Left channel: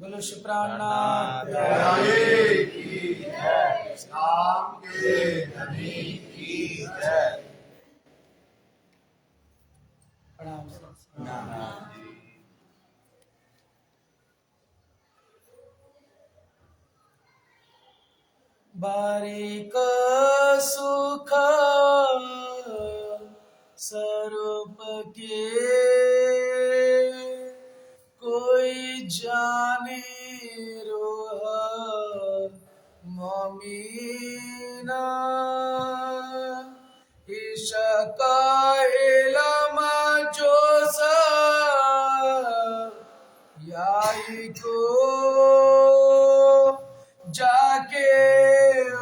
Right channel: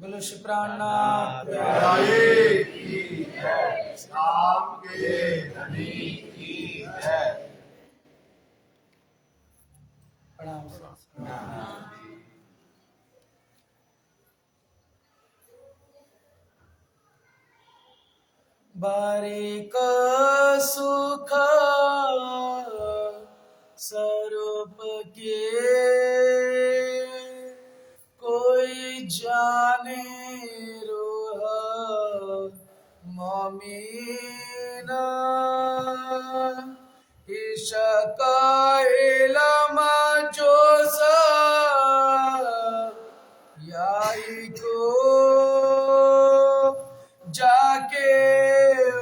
बोलो श्री प्राणनाथ प्यारे की जय, राम के धनी की जय। प्रणाम। बारिक सुख स्वरूप के कोई जाने रोह ममीना ईशका इलमा जोसा याई को जाके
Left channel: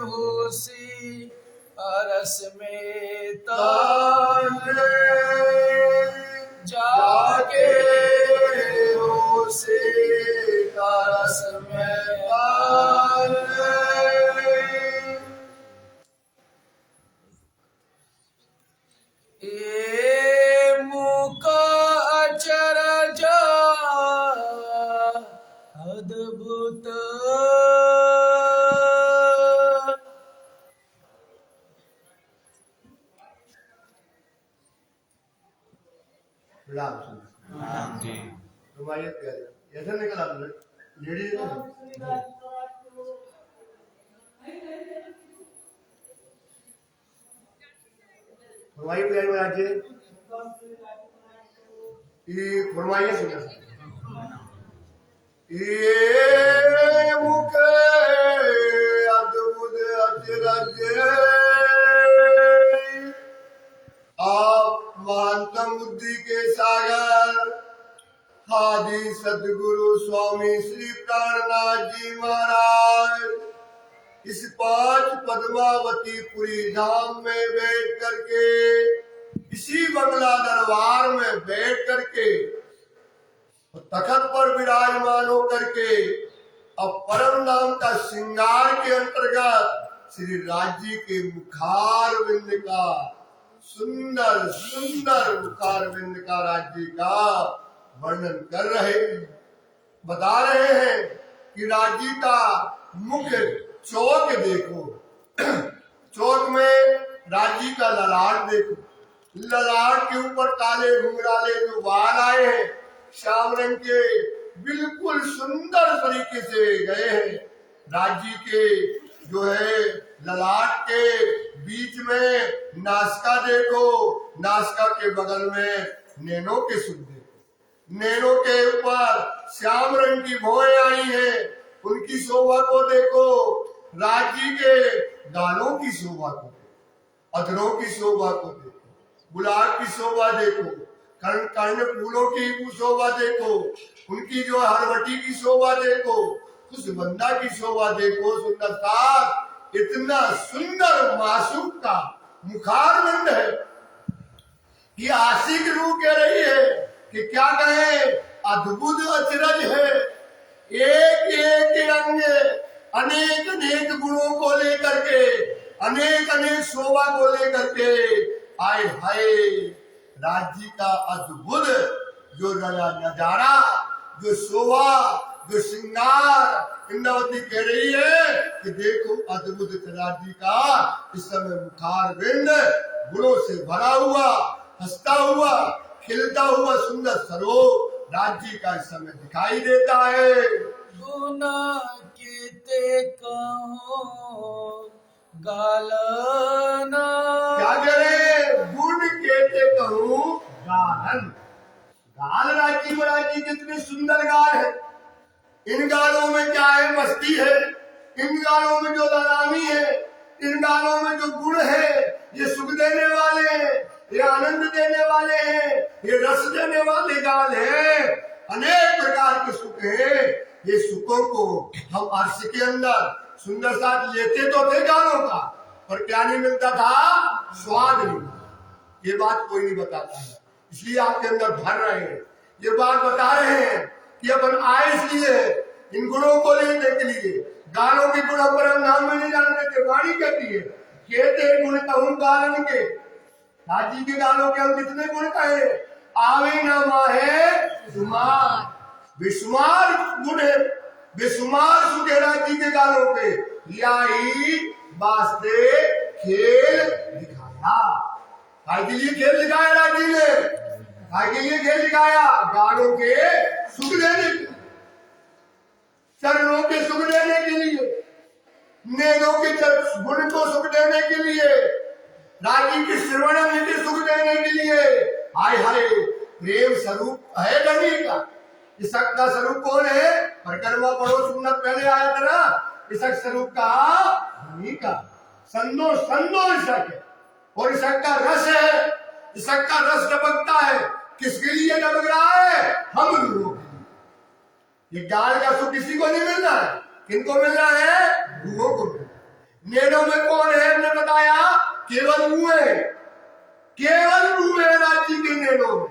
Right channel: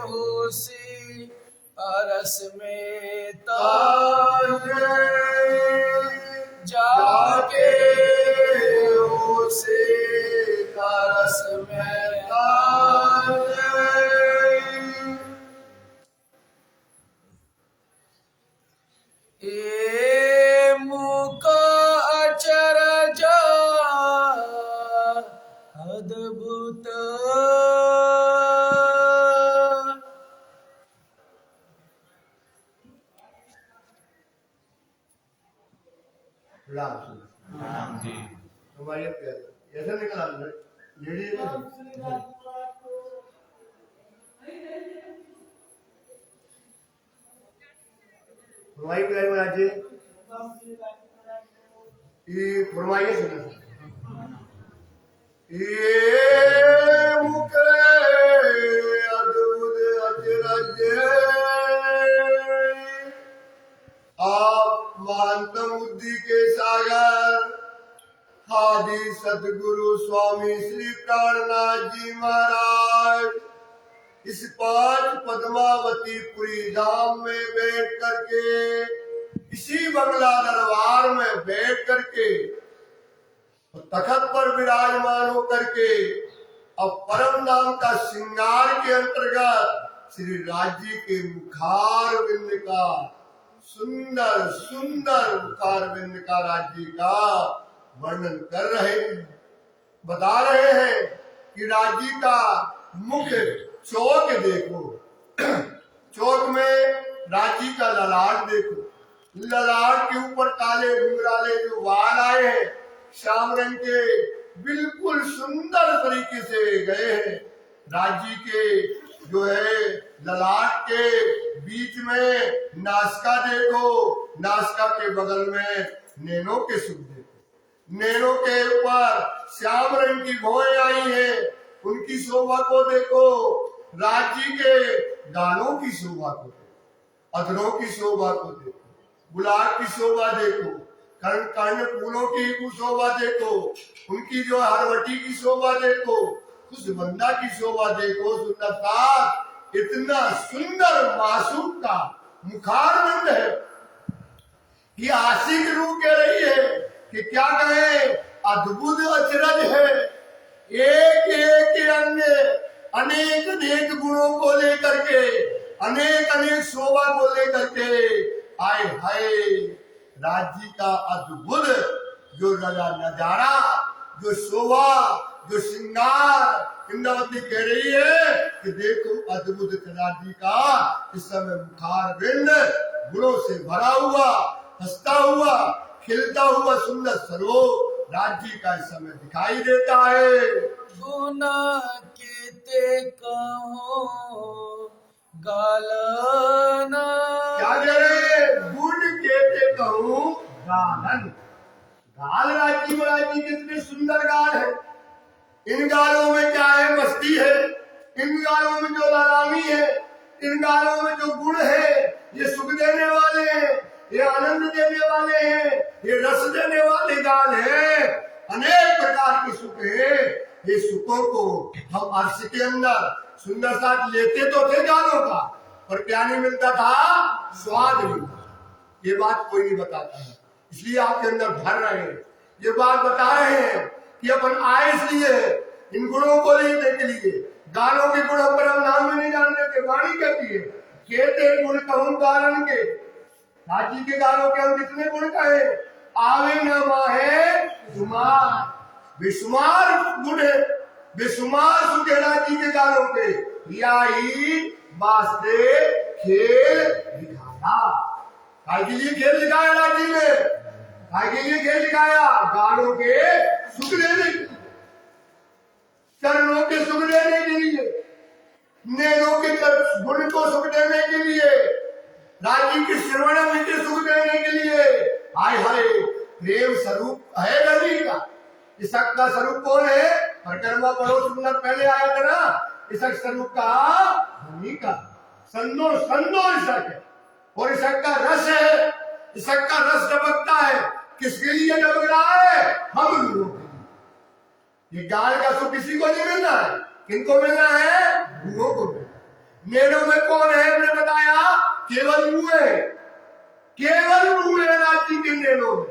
होसी अरस में तारे जाके होसी अरस में तारे ए मुका अचरज अद्भुत राम जी तुम्हारी ऐसा निकला लेडी फरमाइए प्यारे महाराज जी ये फरमाइए सुना ये मुके अद्भुत अचरज आप महानतम बुद्धि के सागर आदि सदगुरु स्वामी श्री प्राणनाथ जी महाराज इस पांच पद्मावती पुरी धाम में बैठ करके इसी बंगला दरबार में बैठ करके तखत पर विराजमान होकर के अब परम नाम का श्रृंगार के अंतर्गत श्री राज्य के मुखार बिंद का सुंदर सुंदर मुखार बिंद का राज्य का वर्णन कर रहे हैं, बता रहे हैं कि राज्य का मुख्य चौक देखो, चौक में राज्य का ललाट देखो, ललाट के ऊपर काले घुंघराले जो बाल आए हैं श्याम रंग के बिल्कुल सुंदर तरीके से गए हैं। राज्य के जो है ललाट के बीच में नासिका देखो, नासिका के बगल में नैनों के सुख देखो, नैनों के ऊपर श्याम रंग की भौएं आई हैं, उनकी शोभा को देखो। राज्य के गालों की शोभा को देखो, अधरों की शोभा को देखो, गुलाब की शोभा देखो, कर्ण कर्ण फूलों की शोभा देखो, उनकी जो हरवटी की शोभा देखो, खुशबंदा की शोभा देखो। सुंदरता इतना सुंदर मासूम का मुखारविंद है कि आशिक रूह कह रही है कि क्या कहे, अद्भुत अचरज है। एक एक अंग अनेक अनेक गुणों को लेकर के, अनेक अनेक शोभा को लेकर के आए हाय राज्य का अद्भुत जो नजारा, जो शोभा, जो श्रृंगार। इंद्रावती कह रही है कि देखो अद्भुत राज्य का इस समय मुखार बिंद गुणों से भरा हुआ, हंसता हुआ, खिलता हुआ सुंदर स्वरूप राज्य का इस समय दिखाई देता है। गुना कीते कहो गालना, क्या कह रहे हैं, गुण कहते कहूँ गालन। गाल राज्य महाराज कितने सुंदर गाल है। इन गालों में क्या है, मस्ती है। इन गालों में जो लालामी है, इन गालों में जो गुण है, ये सुख देने वाले हैं, ये आनंद देने वाले हैं, ये रस देने वाले गाल है। अनेक प्रकार के सुख है। ये सुखों को हम अर्श के अंदर सुंदर साथ लेते तो थे गालों का, पर क्या नहीं मिलता था, स्वाद नहीं। ये बात कोई नहीं बताता है, इसलिए आपके अंदर भर रहे हैं। ये बात बता रहे हैं कि अपन आए इसलिए इन गुणों को लेने के लिए। गालों के गुण पर हम नाम में नहीं जानते थे। वाणी कहती है कहते गुण कहूँ गालन के, राजी के गालों के हम कितने गुण कहे। आवे न माहे शुमार, बेशुमार गुण है। बेशुमार सुखेड़ा जी के गानों पे याई वास्ते खेल दिखाया। काय के लिए खेल दिखाया राजी ने? काय के लिए खेल दिखाया? गानों के सुख देने के लिए, चरणों के सुख देने के लिए, नैनों के गुण को सुख देने के लिए, राजी के श्रवण में के सुख देने के लिए। हाय हाय, प्रेम स्वरूप है गणि का। इसक का स्वरूप कौन है? परिक्रमा पढ़ो, सुन्नत पहले आया था ना। इसक स्वरूप का गणि का संदो संदो इसक है, और इसक का रस है। इसक का रस टपकता है। किसके लिए टपक रहा है? हम लोगों के लिए। ये गाल का सुख किसी को नहीं मिलना है। किनको मिलना है? गुरुओं को मिलना है। नैनों में कौन है? हमने बताया केवल रूह है, केवल रूह है राजी के नैनों में।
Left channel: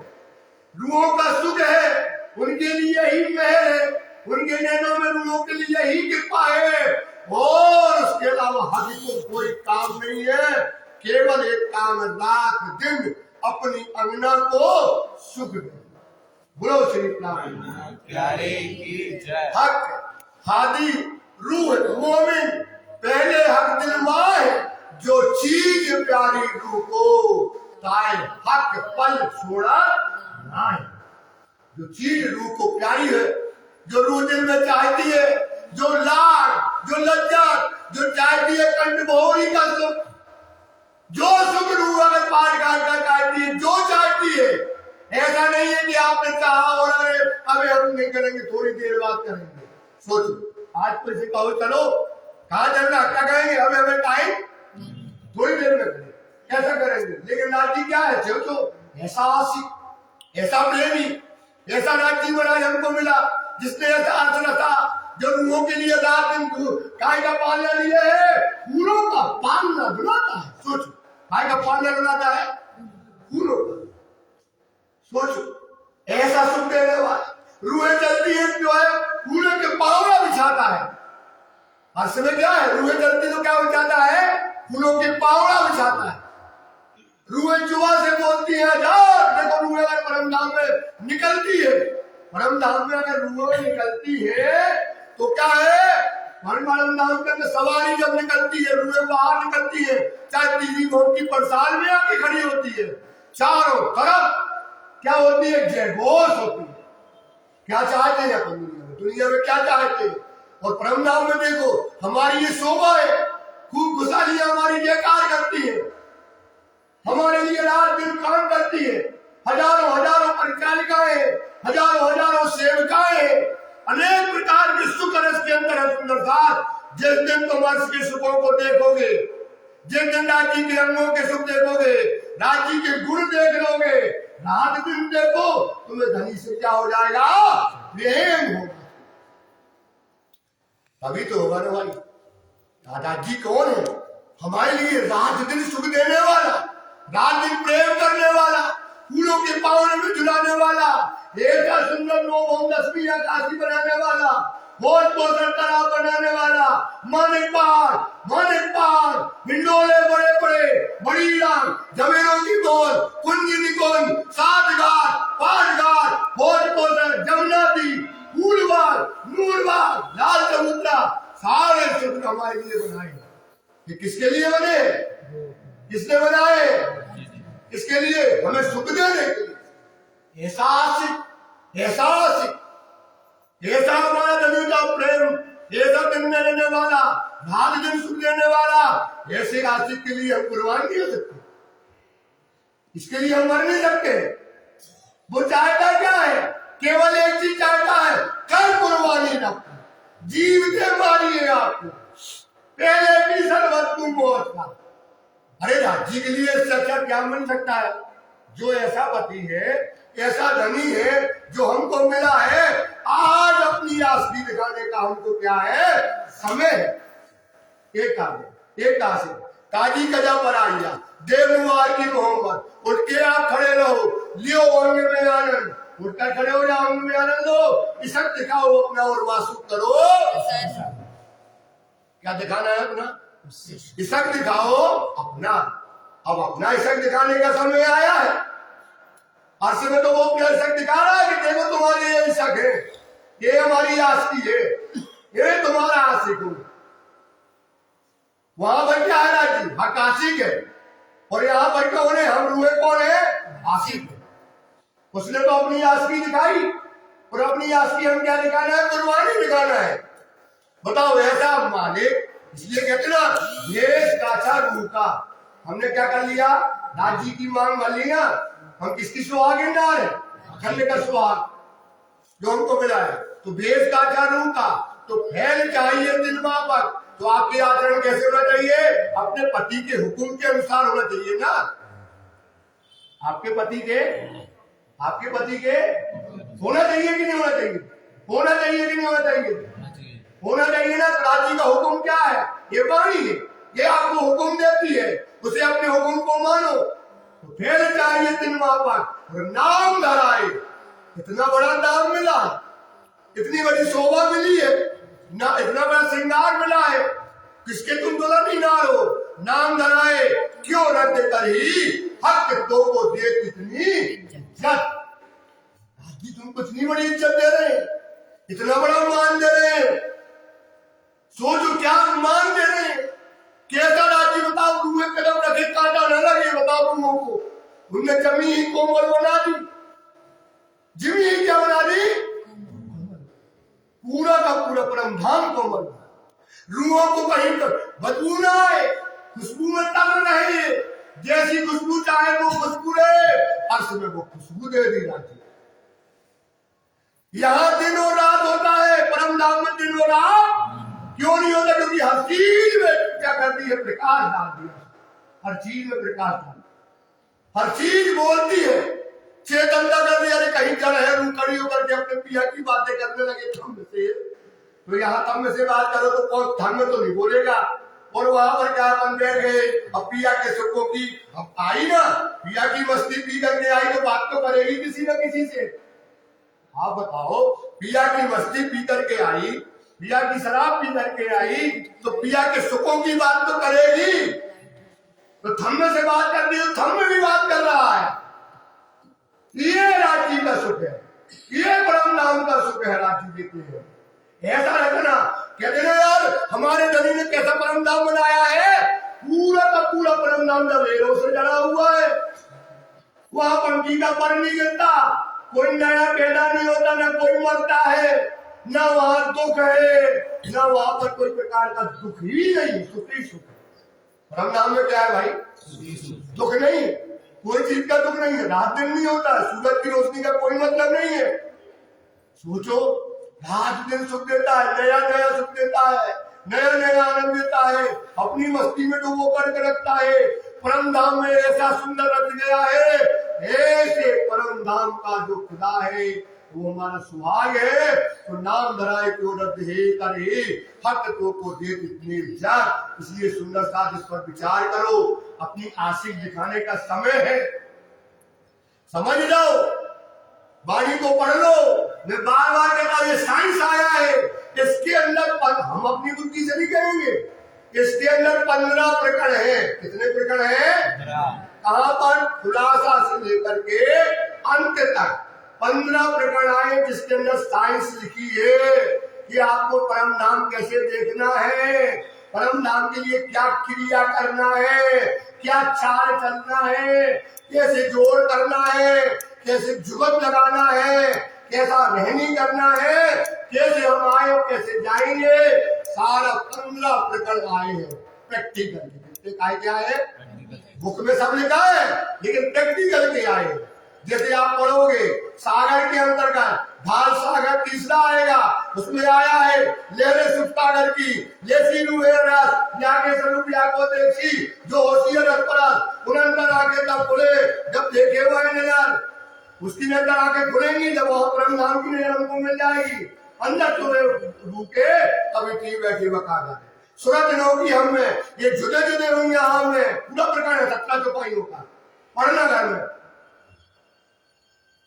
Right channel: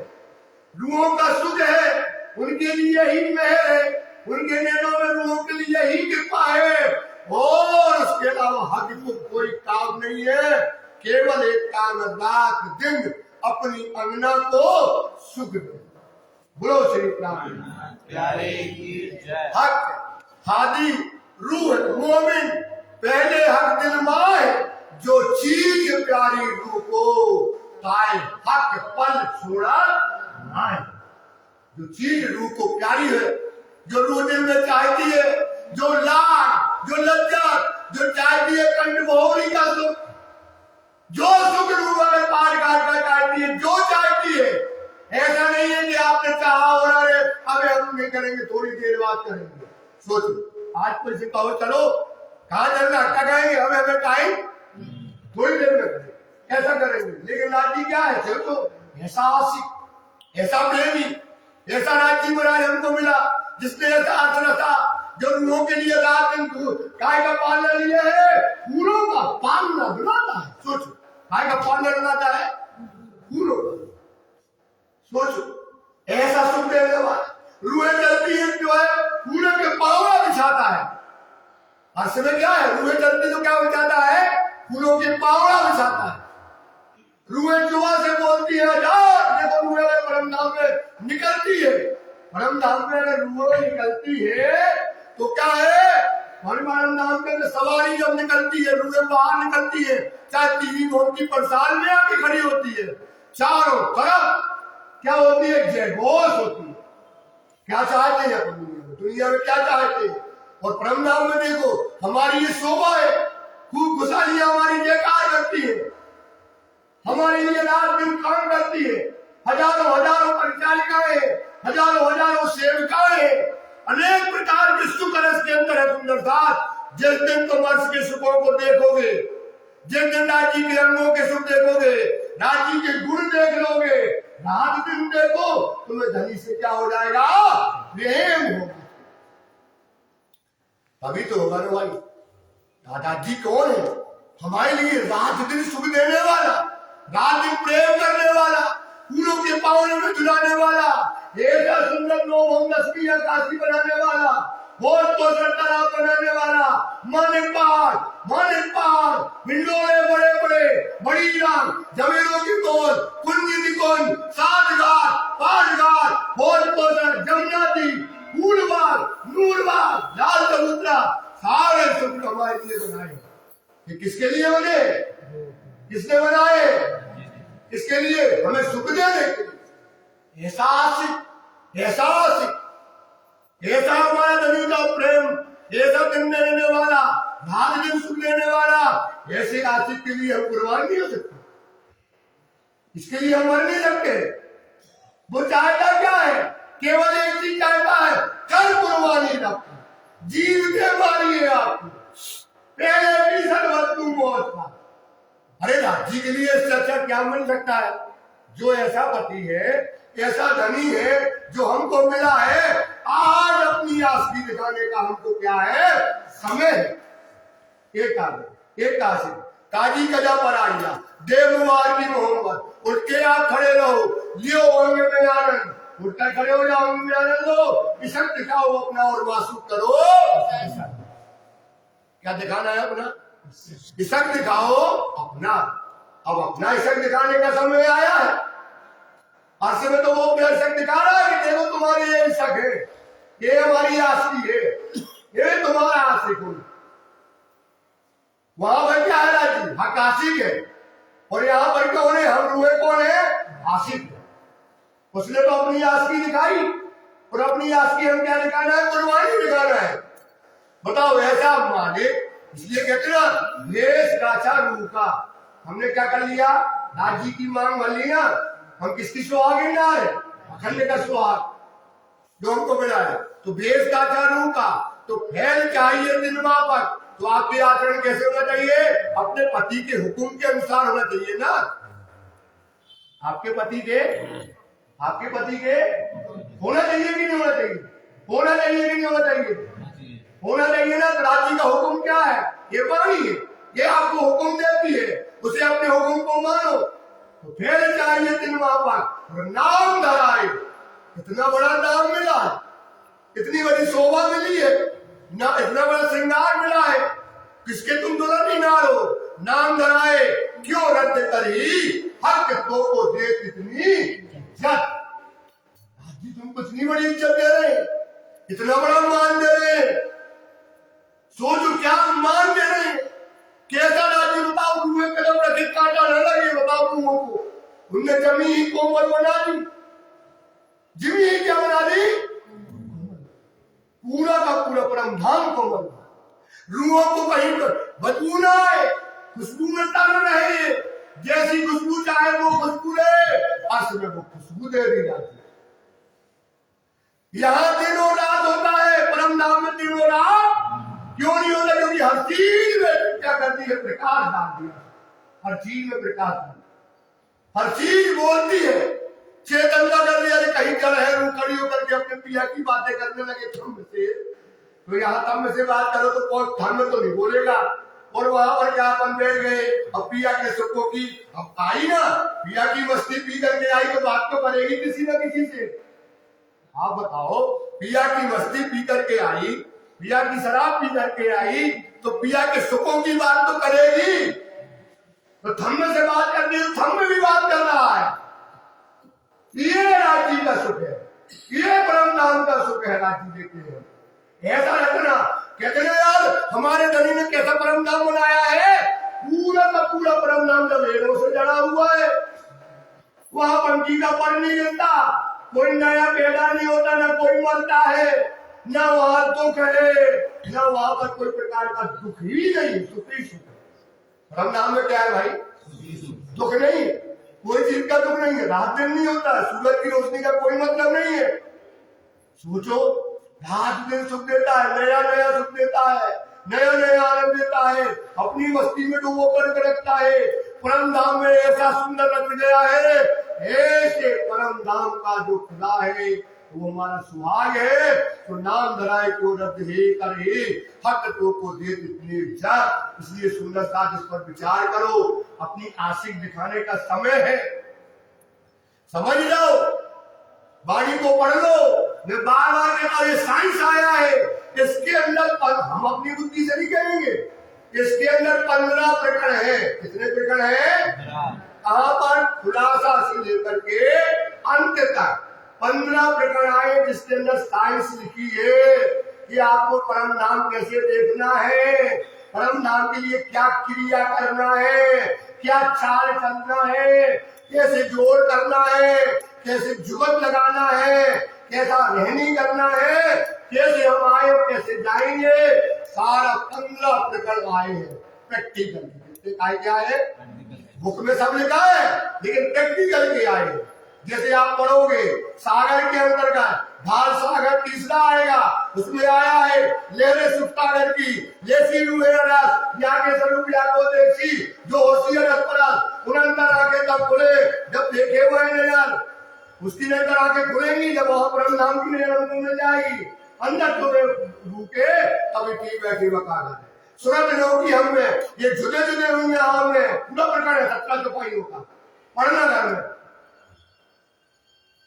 रूहों का सुख है, उनके लिए ही महर है, उनके नैनों में रूहों के लिए ही कृपा है। और उसके अलावा हक को कोई काम नहीं है। केवल एक काम, रात दिन अपनी अंगना को सुख दे। बोलो श्री प्यारे की जय। हक हादी रूह मोमिन, पहले हक दिल माए, जो चीज प्यारी रूह को ताए हक पल छोड़ा नाए। जो चीज रूह को प्यारी है, जो रूह दिल में चाहती है, जो लाड, जो लज्जत, जो चाहती है कंठ बहुरी का सुख, जो सुख रूह अगर पार का चाहती है, जो चाहती है। ऐसा नहीं है कि आपने चाहा और अरे अबे हम नहीं करेंगे, थोड़ी देर बाद करेंगे। सोचो, आज तो इसे कहो चलो, कहाँ चलना, क्या कहेंगे? अबे हमें टाइम थोड़ी देर में करेंगे, ऐसा करेंगे। लेकिन राजी क्या है? चलो, ऐसा आशिक, ऐसा प्रेमी, ऐसा राजी महाराज हमको मिला, जिसने ऐसा आसन था, जो रूहों के लिए रात दिन गाय का पालना लिए है, फूलों का पालना डुलाता है। सोचो, गाय का पालना डुलाता है फूलों का। सोचो, ऐसा सुख देने वाला रूहें चलती है, जो है फूलों के पावड़ा बिछाता है। हर समय क्या है? रूहें चलती तो क्या बिछाता है? फूलों के पावड़ा बिछाता है। रूहें जुआ से बोलती है, हजार देखो रूहें अगर परम धाम में निकलती है, परम धाम में अगर रूहें निकलती है तो क्या है? परम धाम के अंदर सवारी जब निकलती है, रूहें बाहर निकलती है, चाहे तीन भोग की परसाल में आके खड़ी होती है, चारों तरफ क्या होती है? जयघोष होती है। क्या चाहते हैं अपन दुनिया में क्या चाहते हैं? और परम धाम में देखो, हमारी ये शोभा है, खूब खुशहाली हमारी जयकार करती है, हमारे लिए रात दिन काम करती है। हजारों हजारों परिचारिकाएं, हजारों हजारों सेविकाएं, अनेक प्रकार के सुख रस के अंदर है सुंदर साथ। जिस दिन तुम अर्श के सुखों को देखोगे, जिस दिन राजी के अंगों के सुख देखोगे, राजी के गुण देख लोगे, रात दिन देखो, तुम्हें धनी से क्या हो जाएगा? प्रेम होगा। तभी तो होगा ना भाई। दादाजी कौन है? हमारे लिए रात दिन सुख देने वाला, रात दिन प्रेम करने वाला, फूलों के पावने में झुलाने वाला, एक सुंदर नौ दसवीं आकाशी बनाने वाला, भोज पोषण तालाब बनाने वाला, मानिक पहाड़, हिंडोले बड़े बड़े, बड़ी लाल, जमीनों की गोल, कुंज निकोन, 7 घाट, 5 घाट, भोज पोषण, जमुना दी, फूलबाग, नूरबाग, लाल समुद्रा, सारे सुख हमारे लिए बनाए। ये किसके लिए बने? किसने बनाए? इसके लिए हमें सुख देने के लिए। ऐसा आशिक, ऐसा आशिक, ऐसा हमारा धनी का प्रेम, ऐसा दिन देने वाला, रात दिन सुख देने वाला, ऐसे आशिक के लिए हम कुर्बान नहीं हो सकते। इसके लिए हम मर नहीं सकते। वो चाहता क्या है? केवल एक चीज चाहता है, कल कुर्बानी का जीवते मारिए आपको, पहले भी सर्वतु मौत का। अरे राजी के लिए इससे अच्छा क्या बन सकता है? जो ऐसा पति है, ऐसा धनी है, जो हमको मिला है, आज अपनी आसगी दिखाने का हमको क्या है? समय है। एक आशिक काजी कजा पर आइया, देवनुमार की मोहब्बत, उठ के आप खड़े रहो, लियो अंग में आनंद, उठकर खड़े हो जाओ, अंग में आनंद लो, इसक दिखाओ अपना और वासुक करो। क्या दिखाना है अपना? इसक दिखाओ अपना। अब अपना इसक दिखाने का समय आया है। हर समय तो वो अपना इसक दिखा रहा है कि देखो तुम्हारी ये इसक है, ये हमारी आस्ती है, ये तुम्हारा आशिक हूं। वहां पर क्या है राजी, हक आशिक है, और यहाँ पर कौन है, हम रूहे कौन है, आशिक है। उसने तो अपनी आशिकी दिखाई, और अपनी आशिकी हम क्या दिखाना है, कुर्बानी दिखाना है। बताओ ऐसा मालिक, इसलिए कहते ना भेष काछा रूह का। हमने क्या कर लिया, राज्य की मांग भर ली ना, हम किसकी सुहागिनदार है, अखंड का सुहाग जो हमको मिला है। तो भेष काछा रूह का, तो फैल चाहिए दिन मापक। तो आपके आचरण कैसे होना चाहिए, अपने पति के हुक्म के अनुसार होना चाहिए ना। आपके पति के होना चाहिए कि नहीं होना चाहिए, होना चाहिए कि नहीं होना चाहिए, होना चाहिए ना। तो राज्य का हुक्म क्या है, ये वाणी है, ये आपको हुक्म देती है, उसे अपने हुक्म को मानो। तो फिर चाहिए दिन मापक और नाम धराए। इतना बड़ा नाम मिला, इतनी बड़ी शोभा मिली है ना, इतना बड़ा श्रृंगार मिला है, किसके तुम दुल्हन ही ना हो। नाम धराए क्यों रद्द करी, हक तो को दे कितनी इज्जत। जी तुम कुछ नहीं बड़ी इज्जत दे रहे, इतना बड़ा मान दे रहे हैं, सोचो क्या मान दे रहे हैं। कैसा राज्य बताओ, रूहे कदम रखे काटा न लगे, बताओ रूहों को। उनने जमी ही कोमल बना दी, जमी ही क्या बना दी, पूरा का पूरा परम धाम कोमल। रूहों को कहीं पर बदबू ना आए, खुशबू में तंग रहे, जैसी खुशबू चाहे वो खुशबू रहे, अर्श में वो खुशबू दे दी जाती है। यहाँ दिन और रात होता है, परम धाम में दिन और रात क्यों नहीं होता, क्योंकि हर चीज में क्या करती है, प्रकाश डाल दिया, हर चीज में प्रकाश डाल, हर चीज बोलती है, चेतनता कर दिया। कहीं चल है रू खड़ी होकर के अपने पिया की बातें करने लगे थम से, तो यहाँ थम से बात करो तो कौन थम में तो नहीं बोलेगा। और वहां पर क्या अपन बैठ गए, अब पिया के सुखों की अब आई ना, पिया की मस्ती पी करके आई तो बात तो करेगी किसी न किसी से। आप बताओ, पिया की मस्ती पी करके आई, पिया की शराब पी करके आई, तो पिया के सुखों की बात तो करेगी। तो थम्मे से बात कर रही है, थम्मे भी बात कर रहा है। ये राज्य का सुख है, ये परम नाम का सुख है। राज्य देते हैं ऐसा रखना, कहते ना यार हमारे धनी ने कैसा परम नाम बनाया है, पूरा का पूरा परम नाम जब हेरों से जड़ा हुआ है, वहां पंखी का पर नहीं गिरता, कोई नया पैदा नहीं होता, ना कोई मरता है, ना वहां दुख है, ना वहां पर कोई प्रकार का दुख ही नहीं, सुख ही सुख है। परम नाम में क्या है भाई, दुख नहीं, कोई चीज का दुख नहीं है, रात दिन नहीं होता, सूरज की रोशनी का कोई मतलब नहीं है। सोचो, रात दिन सुख देता है, नया नया सुख देता है, नया नया आनंद देता है, अपनी मस्ती में डूबो करके रखता है। परम धाम में ऐसा सुंदर रख गया है, ऐसे परम धाम का जो खुदा है वो हमारा सुहाग है। तो नाम धराए को रद्द हे करे, हक तो को दे इतनी इज्जत। इसलिए सुंदर साथ इस पर विचार करो, अपनी आशिक दिखाने का समय है, समझ लो, वाणी को पढ़ लो। मैं बार बार कहता हूं, ये साइंस आया है, इसके अंदर हम अपनी बुद्धि से नहीं कहेंगे, इसके अंदर 15 प्रकरण है। कितने प्रकरण है, कहां पर, खुलासा से लेकर के अंत तक 15 प्रकरण आए, जिसके अंदर साइंस लिखी है कि आपको परम नाम कैसे देखना है, परम नाम के लिए क्या क्रिया करना है, क्या चाल चलना है, कैसे जोड़ करना है, कैसे जुगत लगाना है, कैसा रहनी करना है, कैसे हम आए और कैसे जाएंगे, सारा 15 प्रकरण आए हैं प्रैक्टिकल। क्या है, बुक में सब लिखा है, लेकिन प्रैक्टिकल के आए हैं। जैसे आप पढ़ोगे सागर के अंतर्गत ढाल सागर तीसरा आएगा, उसमें आया है लहरे सुख सागर की, जैसी रूहे रस या के स्वरूप या को देखी, जो होती है रस उनंतर आके तब खुले, जब देखे हुए नजर उसकी नजर आके खुलेंगी, जब वह परम नाम की नजर हमको मिल जाएगी। अंदर तुरे रुके तभी ठीक बैठी बकाना है। सूरत नो की हम में ये जुदे जुदे हुई हम में पूरा प्रकार है, सत्ता चौपाइयों का पढ़ना घर में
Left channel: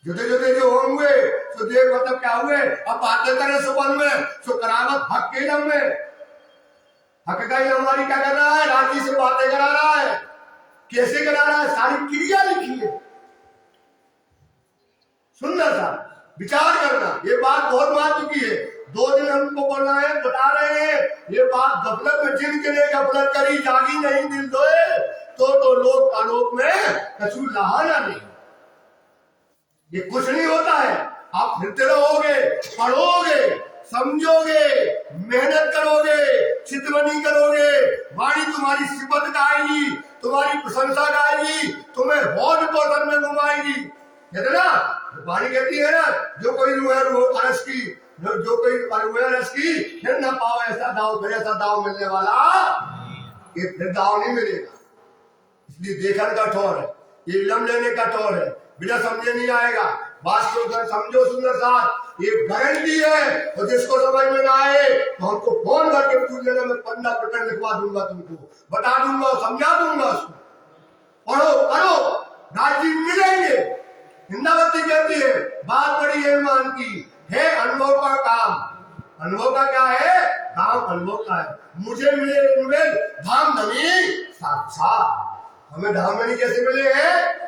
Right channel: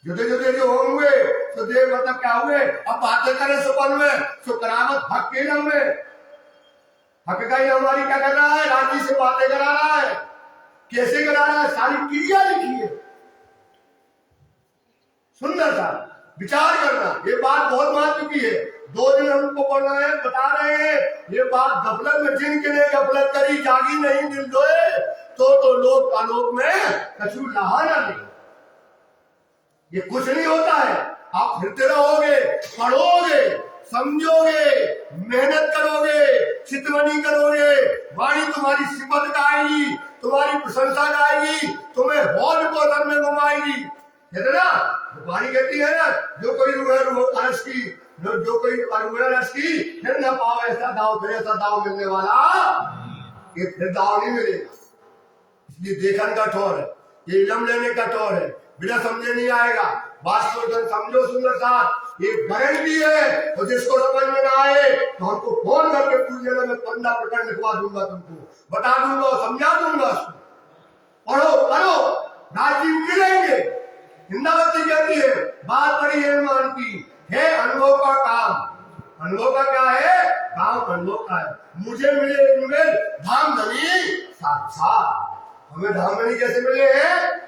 जुदे जुदे जो होंगे तो देख मतलब क्या हुए। अब बातें करें सुबह में सो करावत हक के इलम में, हक का इलम हमारी क्या कर रहा है, राजी से बातें करा रहा है, कैसे करा रहा है, सारी क्रिया लिखी है। सुंदर सा विचार करना, ये बात बहुत महत्व की है। 2 दिन हमको बोल रहे हैं, बता रहे हैं ये बात गफलत में, जिनके ने गफलत करी जागी नहीं दिल दोए, तो लोग आलोक में कछु लहाना नहीं। ये कुछ नहीं होता है। आप फिरते रहोगे, पढ़ोगे, समझोगे, मेहनत करोगे, चितवनी करोगे, वाणी तुम्हारी सिफत गाएगी, तुम्हारी प्रशंसा गाएगी, तुम्हें हौज पोषण में घुमाएगी। कहते ना, वाणी कहती है ना, जो कोई अरस की, जो कोई अरस की फिर न पाओ ऐसा दाव, फिर ऐसा दाव मिलने वाला ये फिर दाव नहीं मिलेगा। इसलिए देखन का ठोर है, ये इलम लेने का ठोर है, बिना समझे नहीं आएगा। बात को समझो सुंदर साथ, ये गारंटी है। और जिसको समझ में ना आए तो हमको फोन करके पूछ लेना, मैं 15 प्रकरण लिखवा दूंगा, तुमको बता दूंगा, समझा दूंगा। उसको पढ़ो करो, राजी मिलेंगे। हिंदावती कहती है बात बड़ी है मान की है, अनुभव का काम। अनुभव का क्या है? काम अनुभव का है। मुझे मिले इनमें धाम धनी साक्षात। हमें धाम धनी कैसे मिले हैं?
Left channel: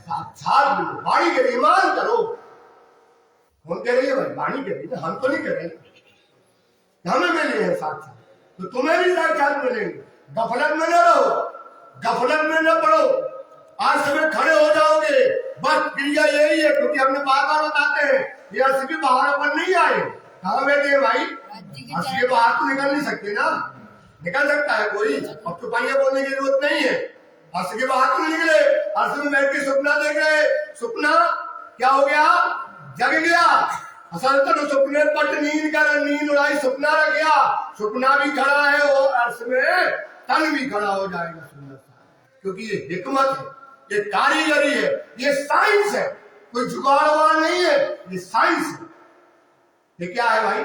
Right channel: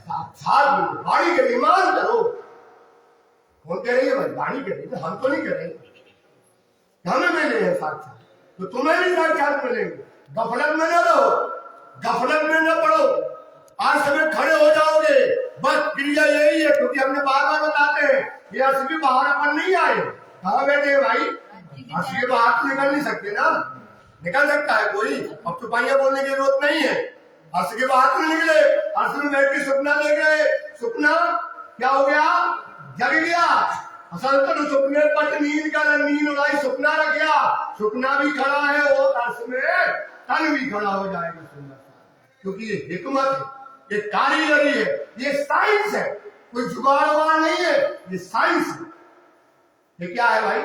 साक्षात मिले। वाणी के ईमान करो। कौन कह रही है भाई? वाणी कह रही है, हम तो नहीं कह रहे। हमें मिले हैं साक्षात, तो तुम्हें भी साक्षात मिलेंगे। गफलत में न रहो, गफलत में न पढ़ो। आज समय खड़े हो जाओगे, बस क्रिया यही है, क्योंकि हमने बार बार बताते हैं ये अर्श के बाहर अपन नहीं आए। कहाँ बैठे हैं भाई? अर्श के बाहर तो निकल नहीं सकते ना। निकल सकता है कोई? अब तो पहिया बोलने की जरूरत नहीं है। अर्श के बाहर तो निकले, अर्श में बैठ के सपना देख रहे। सपना क्या हो गया? जग गया। असल तो सपने पट नींद का नींद उड़ाई, सपना रख गया। सपना भी खड़ा है और अर्श में तन भी खड़ा हो जाएगा। सुंदर, क्योंकि ये हिकमत है, ये कारीगरी है, ये साइंस है। कोई जुगाड़वाड़ नहीं है, ये साइंस है। ये क्या है भाई?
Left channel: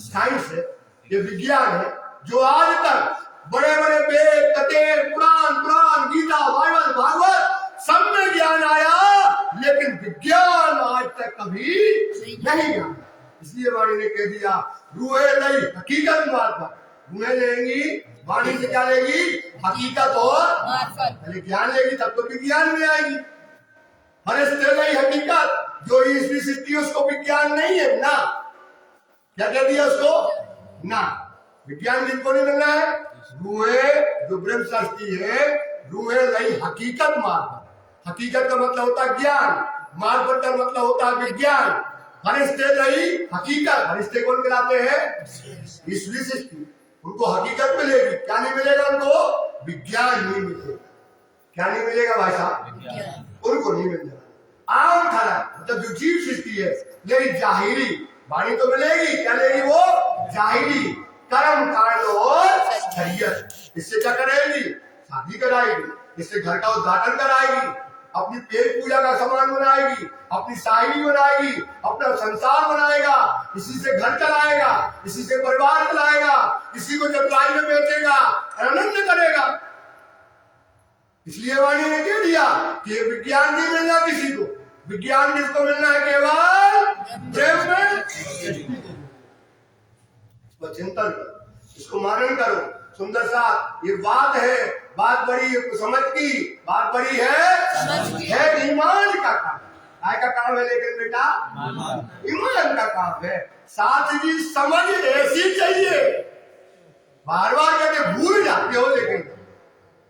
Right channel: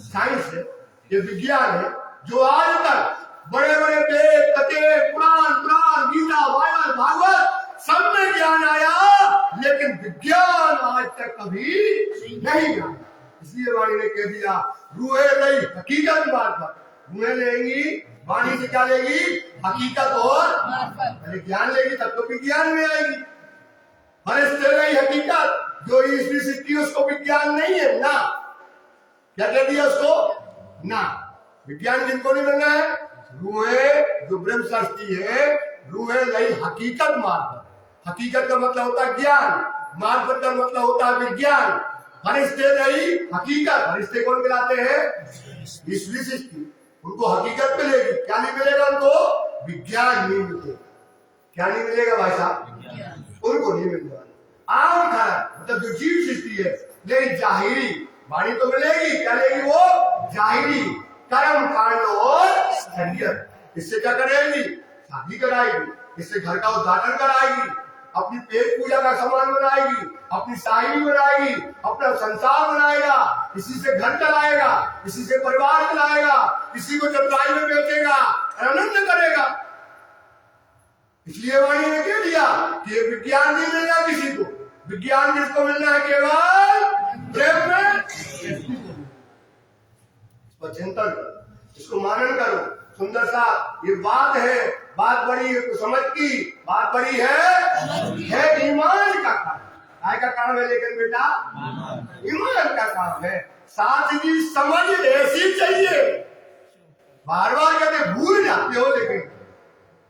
साइंस है, ये विज्ञान है। जो आज तक बड़े बड़े वेद, कथे, पुराण, गीता, बाइबल, भागवत सब में ज्ञान आया, लेकिन विज्ञान आज तक कभी नहीं आया। इसलिए वाणी ने कह दिया रूहे नहीं हकीकत बात पर। रूहे लेंगी, वाणी से क्या लेगी? हकीकत और पहले ज्ञान लेगी, तब तो विज्ञान में आएगी। फरिश्ते नहीं हकीकत, जो ईश्वरी सृष्टि उसको विज्ञान नहीं है ना। क्या कह दिया उसको? ना। विज्ञान जिनको नहीं बनना है, रूहे जो ब्रह्म सृष्टि है, रूहे नहीं हकीकत मार्ग। हकीकत का मतलब होता है ज्ञान, मार्ग का मतलब होता है विज्ञान। फरिश्ते नहीं हकीकत। फरिश्ते कौन कहलाते हैं? ईश्वरी सृष्टि। उनको हकीकत मिलेगी, क्या नहीं मिलेगा? उनको विज्ञान नहीं मिलेगा। क्या नहीं मिलेगा भाई साहब? उनको नहीं मिलेगा। आम खरा मतलब जो जीव सृष्टि है, लेकिन जाहिरी वाणी तो मिलेगी। क्या लेगी वो? जाहिरी कर्म कांड और शरीयत। इससे क्या करेगी? शादी कराएगी, इससे घर का उद्घाटन कराएगी, अपनी पेट पूजा का सामान बनाएगी, अपनी शाही बनाएगी, अपना संसार बनाएगा, इसी से घर चलाएगा, इसी से परिवार चलाएगा, इसी को चतुराई में बेचेगा, आनंद करेगा। इसलिए वाणी ने कह दिया कि विज्ञान नहीं मिलना किसी को। विज्ञान किसको मिलना है? केवल ब्रह्म में। चिंतन करो, इसको मनन करो। सुंदर सा ये बात है, बात बड़ी समझ की बात बड़ी है ईमान का काम। काय का काम है? लेकिन बेटा ईमान का काम है। साथ ही समझ ऐसी चाहिए। बार बार कहते भूल जाते हो, लेकिन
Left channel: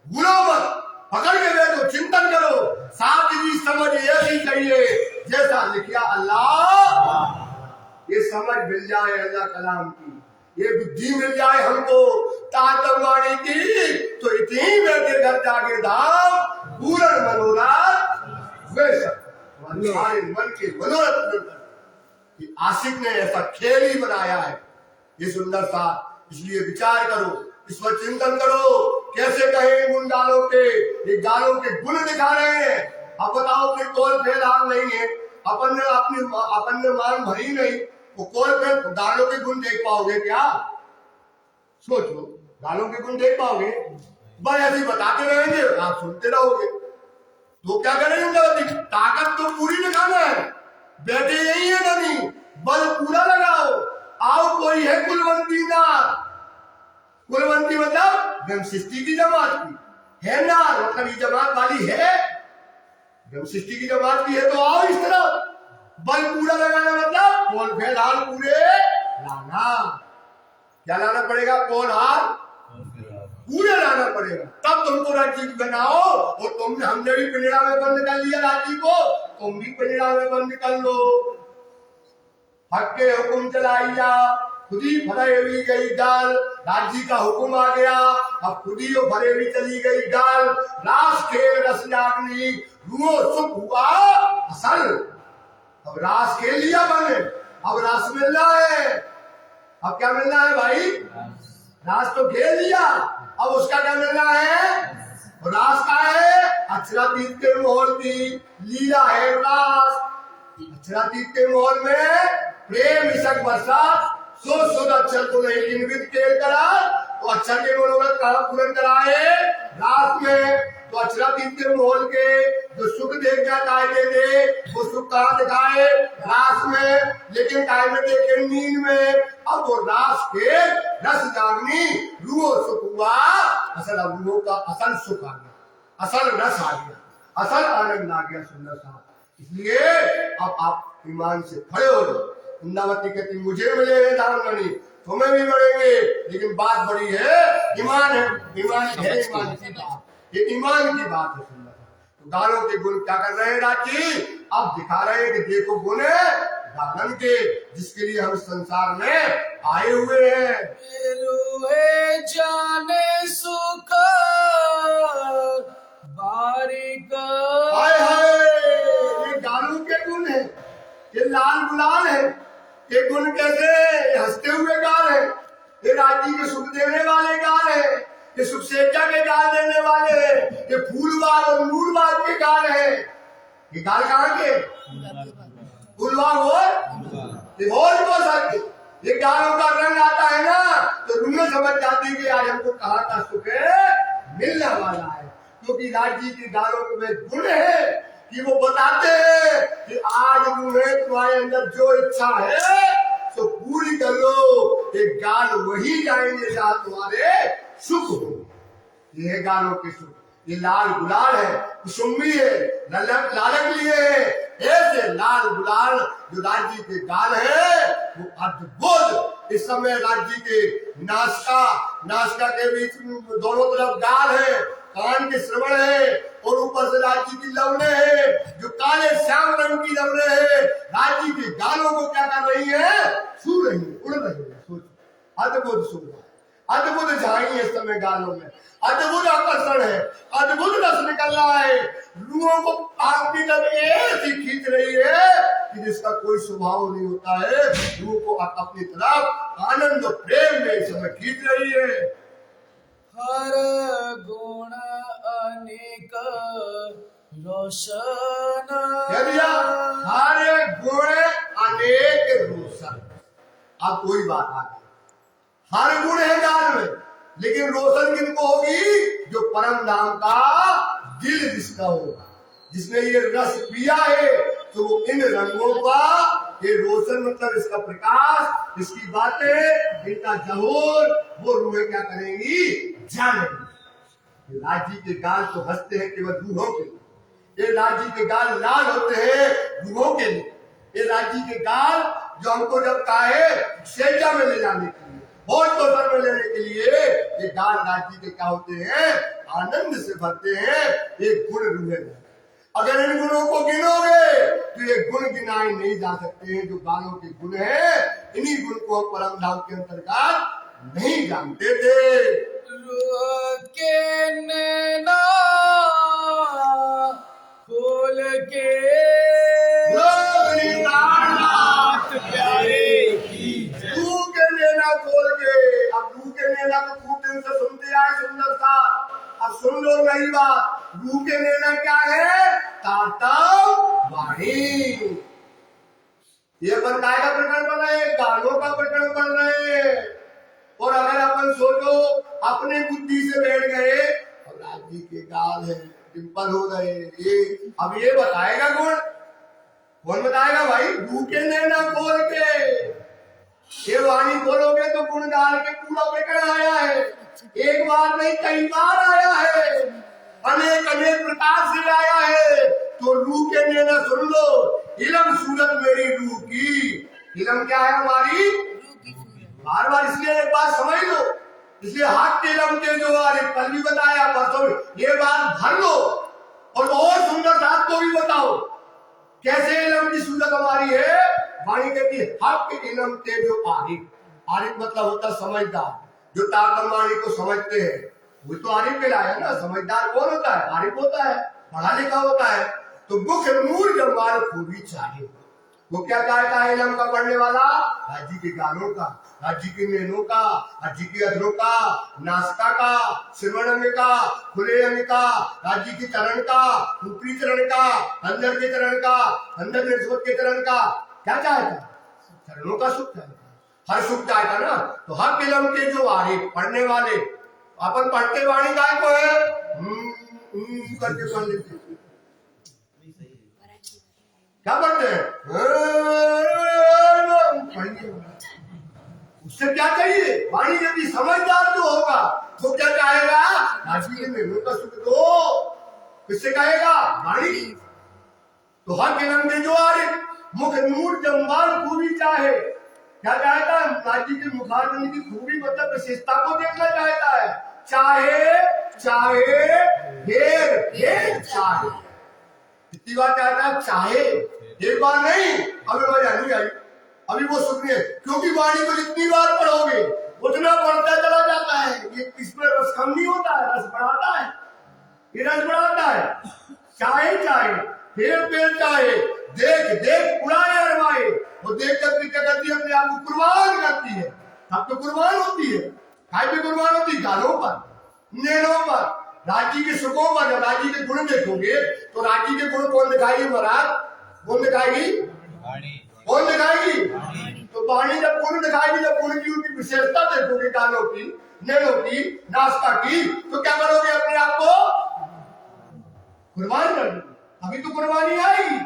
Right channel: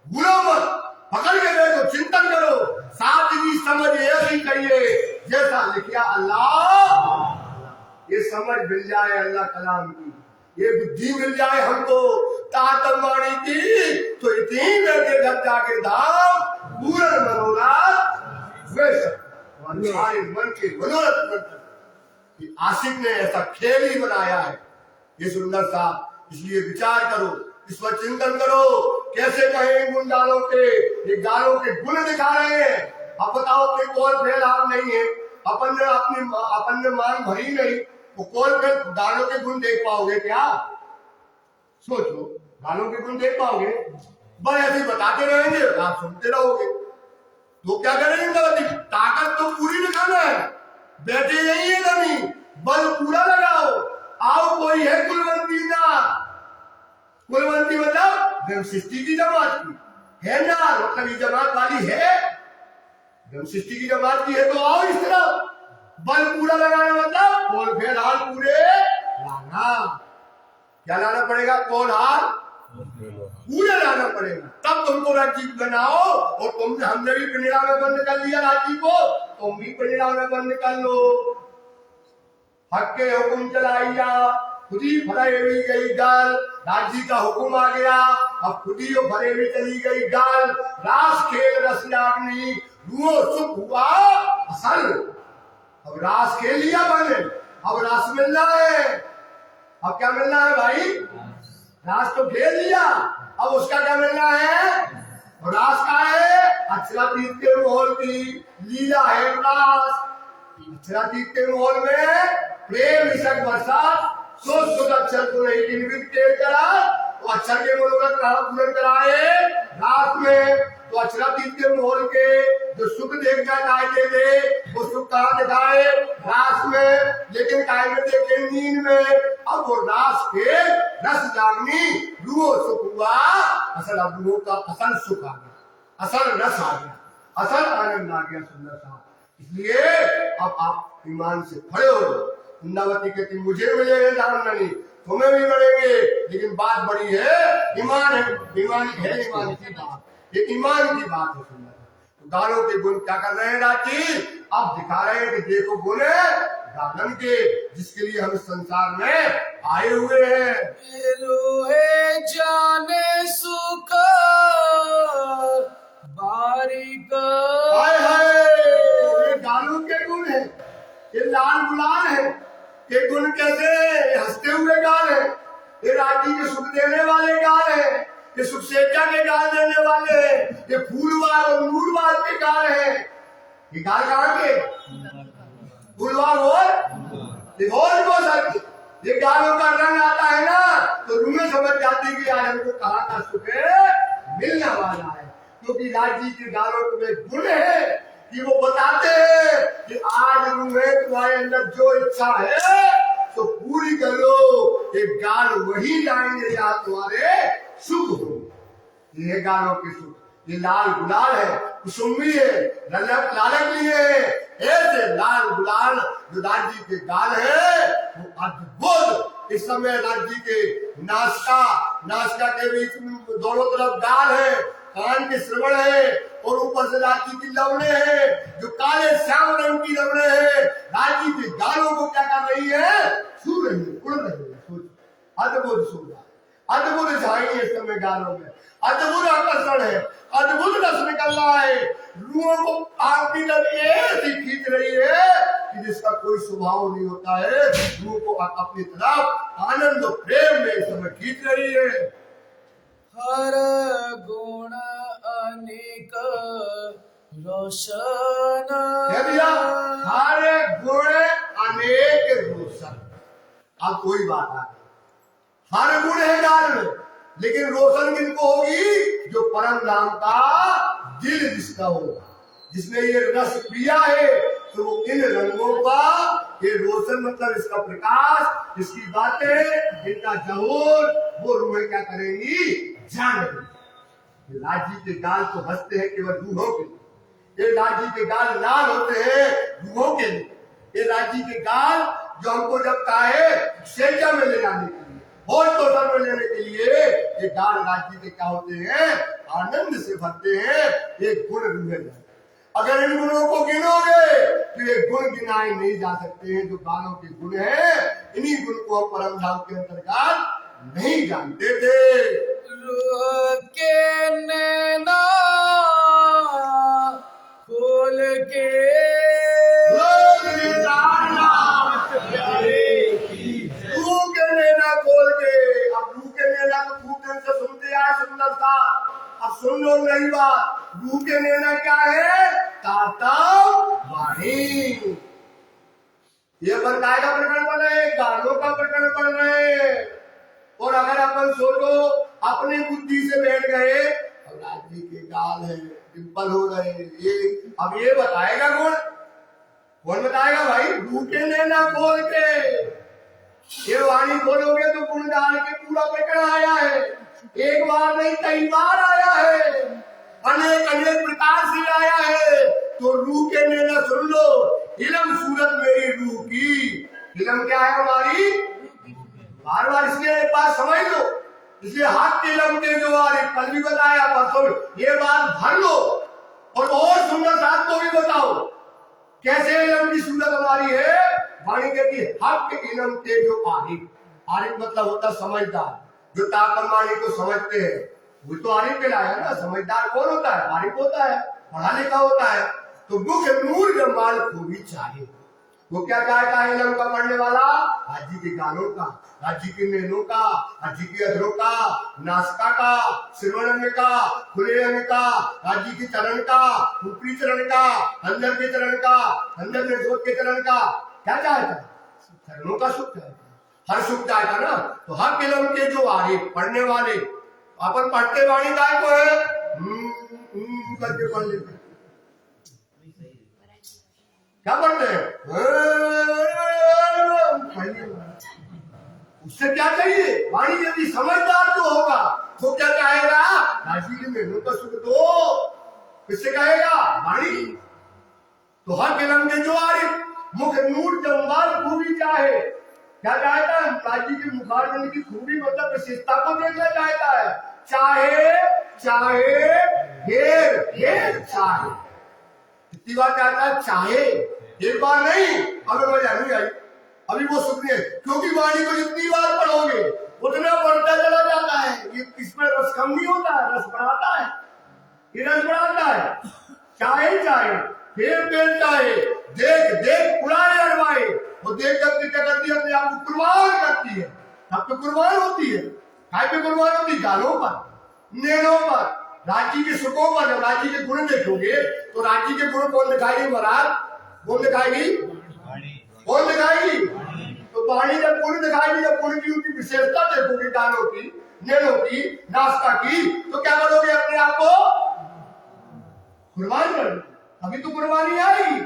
भूलो मत, पकड़ के देखो, चिंतन करो। साथ ही समझ ऐसी चाहिए जैसा लिखा अल्लाह। ये समझ मिल जाए अल्लाह कलाम की, ये बुद्धि मिल जाए हमको तातम वाणी की, तो इतनी बैठे घर जाके धाम पूर्ण मनोरथ हमारे मन के मनोरथ। आशिक ने ऐसा खेल ही बनाया है ये सुंदर सा। इसलिए विचार करो, इस पर चिंतन करो। कैसे कहे गुण गालों के, ये गालों के गुण दिखा रहे हैं। अब बताओ कि कौन फेल हाल नहीं है? अपन ने मांग भरी नहीं, वो कौन फेल गालों के गुण देख पाओगे क्या? सोचो, गालों के गुण देख पाओगे? बस ऐसे बताते रहेंगे, आप सुनते रहोगे, तो क्या करेंगे? ताकत तो पूरी दिखाना है। बैठे यही है नहीं, बल पूरा लगाओ। आओ कोई है कुलवंती ना। कुलवंती मतलब ब्रह्म सृष्टि की जमात की है ना, मतलब ये जमात वाली है, ब्रह्म सृष्टि की जमात की है, तो आओ इस तरह। बल पूरा लगाना मतलब बोल फेल हाल पूरे लाना। क्या लाना पड़ेगा? कौन हार? पूरे लाना पड़ेगा, तब तुमको राज्य बनाओ। और तुमने, हमने भी पिंजरा में बंद कर लिया राज्य को, तुम भी पिंजरा में बंद कर लो। हक के हुक्म चलाइया, खुद ही भरेवी गई गाल। राज्य का हुक्म आ गया, अब खुद ही भरेवी चली गई गाल। रास खेल रस जागनी, रूहो सुख हुआ असल। अब रास खेल लिया बने, अब रास मिल रहा है। अब क्या मिल रहा है भाई? रास तो खेल लिया, अब उसका क्या मिलना है? रास का है अक्षरातीत के मोहर की लीला है रास। अक्षरातीत के मोहर में प्रेम इसक बरसात, शुद्ध शुद्ध अक्षर को नहीं इंगित के करा, तो अक्षर के मनोरथ का पूर्ण कराए रास में। तो अक्षरातीत के मोहर के जो सुख देख जाए दे, वो सुख कहाँ दिखाए? रास में। लेकिन काय में देखे? नींद में। अब वो रास के रस जागनी, रूहो सुख हुआ असल। अब रूहो का असल सुख आ गया, असल रस आ गया, असल आनंद आ गया, सुंदर सा। इसलिए अब आप ईमान से खड़े हो। वृंदावती कहती मुझे मिले हैं दान नहीं, तुम्हें भी मिलेंगे, लेकिन बात बड़ी है, ईमान है। ईमान है, ईमान की बात, ये ईमान की बात है। सुंदर। तो गानों के गुण क्या कर रहे हैं राजी? अब दिखा रहे हैं कि देखो गुण गानन के, जिसके लिए हम संसार में आए हुए हैं। रोहे जाने सुख बारिक। हाय हाय, ये गानों के गुण है, ये लाल गुलाल है। ये गुण कैसे? हंसते हुए गाल है, ये राजी के सुख देने वाले गाल है, ये सुख सेजा के गाल देने वाले हैं, ये फूलबाग और नूरबाग के गाल है। ये गाल कहाँ के? फूलबाग और ये गालों का रंग आता है ना, तो रूहें समझ जाती कि आज हमको कहाँ का सुख है मिलने वाला है। क्योंकि राज्य के गालों में गुण है कि वो बताते हैं कि आज रूहें तुम्हारे अंदर जो इच्छा है तो पूरी कर लो। ये गाल वही जाएंगे जहाँ तुम्हारे सुख हो। ये गालों के सुख, ये लाल गुलाल है, कुसुम्बी है, लालक भी है। ऐसे लाल गुलाल जो राज्य के गाल है वो अद्भुत। इस समय राज्य के नासिका के बीच में दोनों तरफ गाल है, कान के श्रवण है, और ऊपर से राज्य की लवने है जो काले श्याम रंग की लवने है। राज्य के गालों को क्या कर रही है? छू रही है, उड़ रही है। सोच, अद्भुत सुंदर, अद्भुत झाई है इस समय गालों में, अद्भुत आकर्षण है, अद्भुत रस निकल रहा है। रूहों को आपकी तरफ ऐसी खींच रही है कि जिसका कोई स्वभाव नहीं होता है। रूह को अपनी तरफ आनंद और प्रेम में इस समय खींच रही है। हर गुण अनेक रोशन। कह दिया, हर गुण अनेक रोशन। अब कोई बात आ गई, हर गुण है गाल में, लेकिन रोशन किनको होगी? जो परम धाम का दिल जिसका होगा, जिसने ये रस पिया है, तो वो इन रंगों का, ये रोशन मतलब इसका प्रकाश, इसकी बातें, इनका जहूर, वो रूहें क्या करेंगी? जानेंगी। लाजी के गाल तो हंसते हैं केवल रूहों के लिए, ये लाजी के गाल लाल होते हैं रूहों के लिए। ये लाजी के गाल जो हमको जब कहे सेजा में ले जाने के लिए, होश को सर में लेने के लिए, ये गाल राज्य के क्या होते हैं? आनंद से भरते हैं। ये गुण रूहे। अगर इन गुणों को गिनोगे तो ये गुण गिनाए नहीं जा सकते हैं। जो गालों के गुण हैं, इन्हीं गुण को हम परम धाम के अंतर्गत नहीं जानते थे। रूह के नैना खोल के रूह के नैना खोल के। अब रूह के नैना को खूब दिन से सुनते आए, सुंदर था। अब सुन लो नई बात। रूह के नैना क्या है? तातव वाणी। ये अपन काय का प्रकरण पढ़ रहे हैं? गानों का प्रकरण पढ़ रहे हैं। और अगर अपन सोचो अपने बुद्धि से बैठ गए, अब राज्य के गाल है, डिम्पल हो गए, ये अब ये बताएगा गुण? कौन बताएगा भाई? रूह के नैना खोल के। ये वाणी खोलोगे तो गुण गाल के पूरा प्रकरण आया है। एक बार नहीं, कई बार आया है, अनेक अनेक प्रकार से आया है। तो रूह के नैना सुन लो। इलम सूरत मेरी रूह की। इलम क्या है हमारी? बार बार इसलिए एक बात समझ लो, इसलिए हाथ के लमके जो आ रहे, कल भी बताया परसों, ये बात भर लो और बहुत सुंदर साथ को भी बताओ कैसे इलम की सूरत हमारी है। वाणी कहती है हक के इलम के जो आरिफ, आरिफ मतलब होता समझदार, जो ताकत वाणी को समझते हैं, वो तो आरिफ कहलाया ना। समझदार कौन होता है? आरिफ होता है, पढ़ा लिखा होता है। तो मुख नूर जमाल खूबी चाहे, वो क्या चाहता है इलम का पढ़ने वाला? हाजी के गालों का, हाजी के नैनों का, हाजी के अधरों का, नासका का, सिरवण का, खुले अन्न का, हाजी के चरण का, ऊपरी चरण का, अंदर के चरण का, अंदर निर्सोत के चरण का। क्या चाहता है? चरणों का सुख चाहता है, हर सुख चाहता ना। तो हक इलम के जो आरिफ पढ़ने वाले, अपन पढ़ते वाणी काय को है करके पढ़ लेते, क्या पढ़ते हैं? उससे क्या चाहिए? वाणी यदि समझदार जो होगा वो क्या चाहेगा? राजी के मेलों का सुख दो। किससे कहेगा? वाणी। तो हर किलम के जो आरिफ मुख नूर जम्बाल खूबी चाहे, क्या चाहता है? राजी के मुखारबंद की खूबी मतलब विशेषता को देखना चाहता है। चाहे चाहे ढेर ढेर चाहे, कितनी बार चाहता है? चाहे, एक बार नहीं। अभी मजा नहीं आई, अभी वो सुख नहीं है, क्योंकि वाणी को जितनी बार पढ़ोगे उतना बढ़ता चला जाता है। ये इसमें रस कम नहीं होता है, रस बढ़ाता है, ये रस बढ़ाता है। चाहे चाहे फिर पेड़ चाहे, देख देख उड़ाए अरवाए, वो देख करके क्या करती है? अपने आप को कुर्बान करती है। अब तो कुर्बान होती है, काय पे कुर्बान होती? गालों पर, नैनों पर, राजी के सुखों पर। जब राजी के गुण देखोगे तो राजी के गुण कौन दिखाएगी महाराज? कौन दिखाएगी? कौन दिखाएगी? तो वाणी जब गुण दिखाएगी, जब गुण की उनकी विशेषता देखोगे, गालों की, नैनों की, नासका की, तो क्या करोगे? अपने आप को कुर्बान कर दो। अभी तो कुर्बानी आएगी,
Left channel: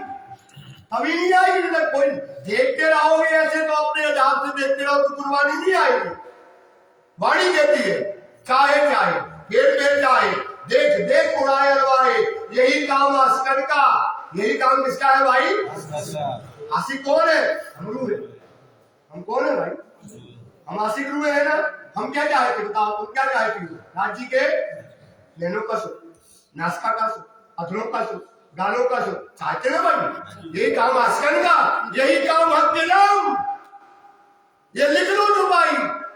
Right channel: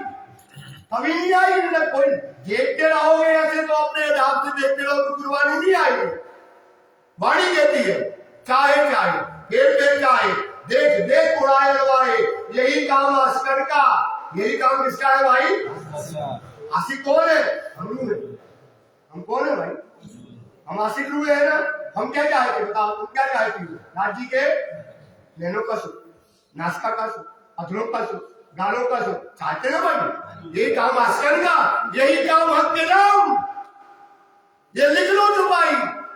अभी नहीं आएगी। मतलब कोई देखते रहोगे ऐसे तो अपने हिसाब से देखते रहो तो कुर्बानी नहीं आएगी। वाणी कहती है चाहे चाहे फिर चाहे, देख देख उड़ाए अरवाए, यही काम अस्कर का। यही काम किसका है भाई? आशिक कौन है? हम रूह है। हम कौन है भाई? हम आशिक रूह है ना। हम क्या चाहते? बताओ तुम क्या चाहती हो? राजी के नैनों का सुख, नासका का सुख, अधरों का सुख, गालों का सुख चाहते ना भाई? यही काम आस्कर का, यही काम हक के नाम। ये लिख लो तुम भाई,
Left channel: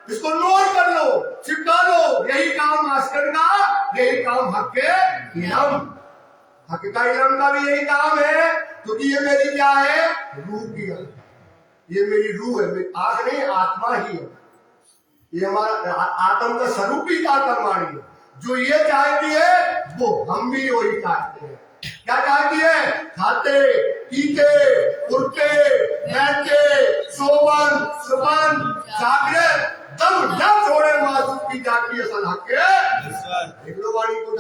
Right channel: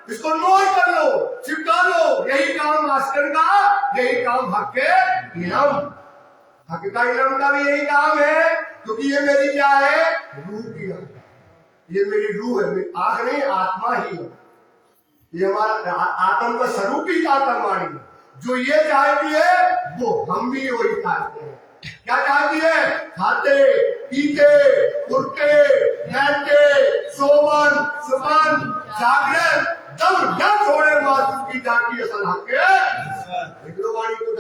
इसको नोट कर लो, चिपका लो। यही काम आस्कर का, यही काम हक के इलम। हक का इलम का भी यही काम है, क्योंकि ये मेरी क्या है? रूह की है। ये मेरी रूह है, मेरी आंख नहीं, आत्मा ही है। ये हमारा आत्म का स्वरूप ही वाणी है। जो ये चाहती है वो हम भी वही चाहते हैं। क्या चाहती है? खाते पीते उठते बैठते सोवन सुमन जागृत दम न छोड़े मासूम की जाती है सलाह के। एक लो वाणी को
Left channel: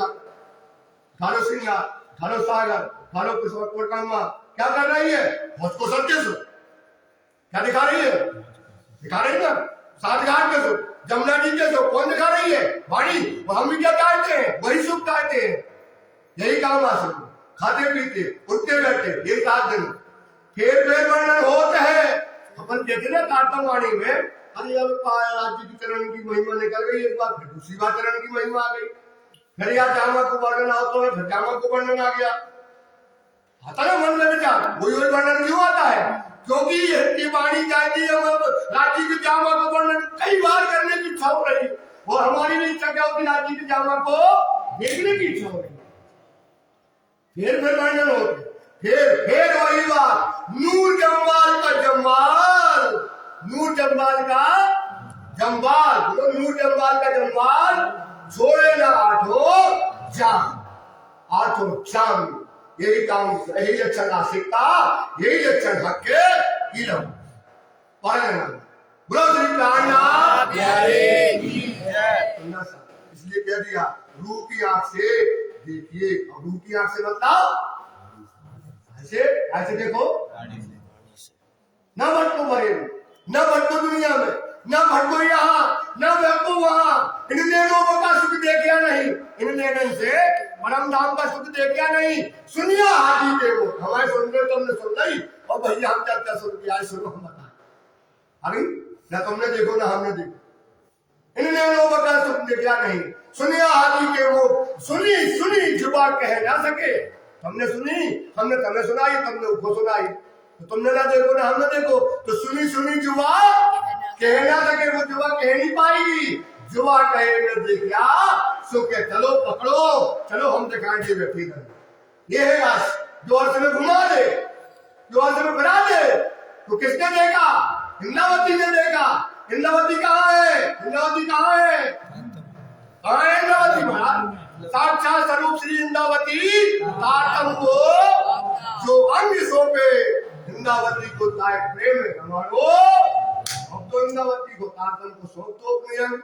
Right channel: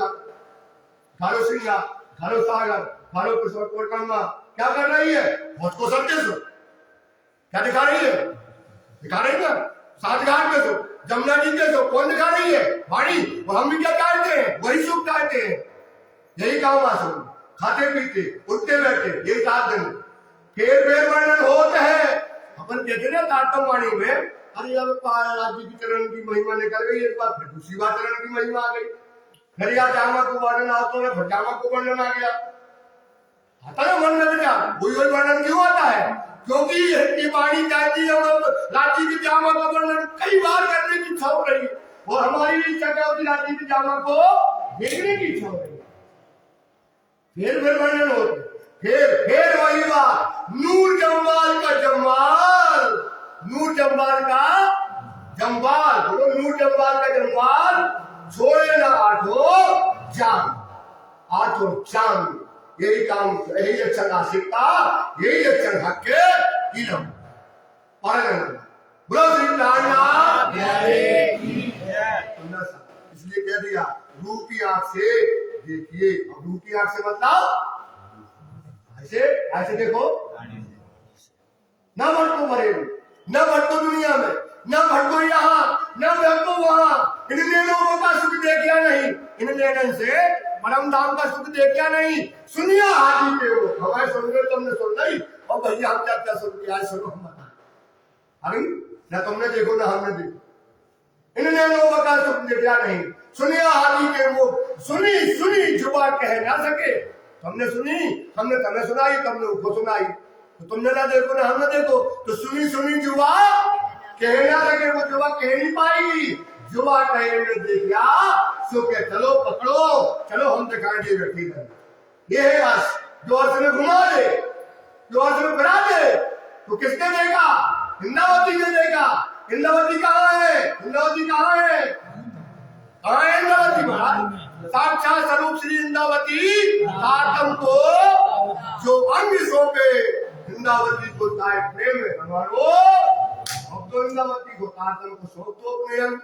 घालो सिंगार, घालो सागर, घालो किशोर, क्या कर रही है? मुझको सत्य सो क्या दिखा रही है? दिखा रही है ना सात घाट के सो, जमुना जी के सो, कौन दिखा रही है? वाणी। और हम भी क्या चाहते हैं? वही सुख चाहते हैं। यही काम आसो, खाते पीते उठते बैठते, यही 7 दिन फिर वर्णन होते हैं। अपन देखे ना तारतम वाणी में, अरे अब राज्य की चरण की महिमा निकल गई, एक बार फिर दूसरी बार चरण की महिमा आ गई, फिर या जामा को वर्णन आता है, फिर जामा को वर्णन आ गया। आता ना मन में विचार, वही वर्णन क्यों आता है? क्योंकि ये वाणी चाहती है राज्य की जामा का वर्णन कई बार करने की इच्छा हो रही है, और हमारी भी इच्छा क्या होती? राज्य की जामा को देखने की इच्छा हो रही है। फिर वर्णन होते, फिर वही बात, नूर जम्बाल का जम्बाल, नूर जम्बाल का जम्बाल, बोलो नूर जम्बाल का जम्बाल, छोड़े ना आठों जान, आठों जान। यही काम, यही लक्षण आशिकता, यही लक्षण हक के इलम। पढ़ना बोलो श्री प्राणनाथ इसलिए कह दिया रूह की आंख से देखिए। और रूह की आंख से मतलब ऐसे ऐसे देखो, न भटको मरे, न भटको दुनिया में, न भटको यहाँ, न भटको वहां। इन नैनों का सुख देखिया नहीं, इन नैनन से परम धाम का सुख देखिया नहीं। सुनिए हाथी के वो, हमारे सुन रहे तो हमने सुन ली, और भैया हम क्या क्या सुन के आए, सुनो हम बताए। अभी न तुमने देखो न हमने देखो। इनने नो बका सुख देखा नहीं, सुनिया हाथी के मुंह, सुनी सुनी जुबान कह ना सके। तुमने सुनी, हमने तुम्हें सुनाई, तुमने उसको सुनाई। तो तुमने ना देखो ना हमने देखो, तो सुनी सुनी जुबान कह ना सके, वो जुबान कह नहीं पाएगी। जुबान कहे ने देखा सो के चलो पकड़ो, चलो हम दिखाएंगे बैठी है। ये है रस जो अर्थ में घुमा दे, जो अर्थ में बना दे। तो किसने देखा? इंद्रावती ने देखा। इंद्रावती कहाँ है? इंद्रावती कहाँ है? कहाँ है इंद्रावती महाराज? साक्षात स्वरूप श्री इंद्रावती तारतम को जो अंग सौंपे, इंद्रावती को ताए प्रेम में रंगाड़ो। अब तो इंद्रावती को तारतम को सौंप दो अपने अंग,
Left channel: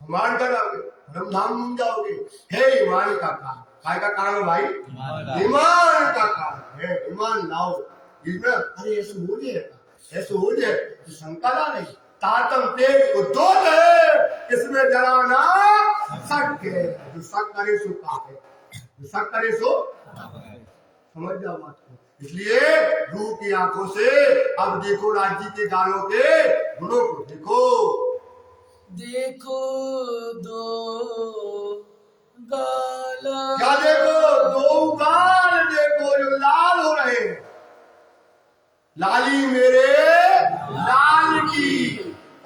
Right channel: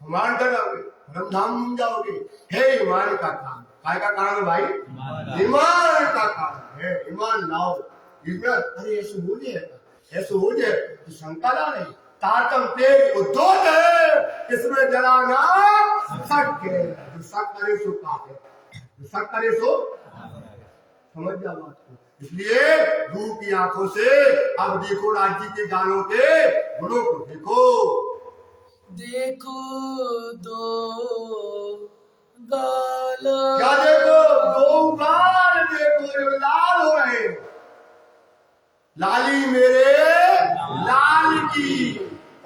मान कराओगे, धर्मधाम घूम जाओगे। हे ईमान का काम, काय का काम है भाई? ईमान का काम है। ईमान लाओ इसमें। अरे ऐसे हो जाएगा, ऐसे हो जाए तो शंका ना नहीं। तारतम तेज उद्योग है, इसमें जरा ना शक है। जो शक करे सो पाप है, जो शक करे सो समझ जाओ बात को। इसलिए रूह की आंखों से अब देखो राज्य के गानों के गुणों को देखो। देखो दो गाल, क्या देखो? दो गाल देखो जो लाल हो रहे हैं। लाली मेरे लाल की,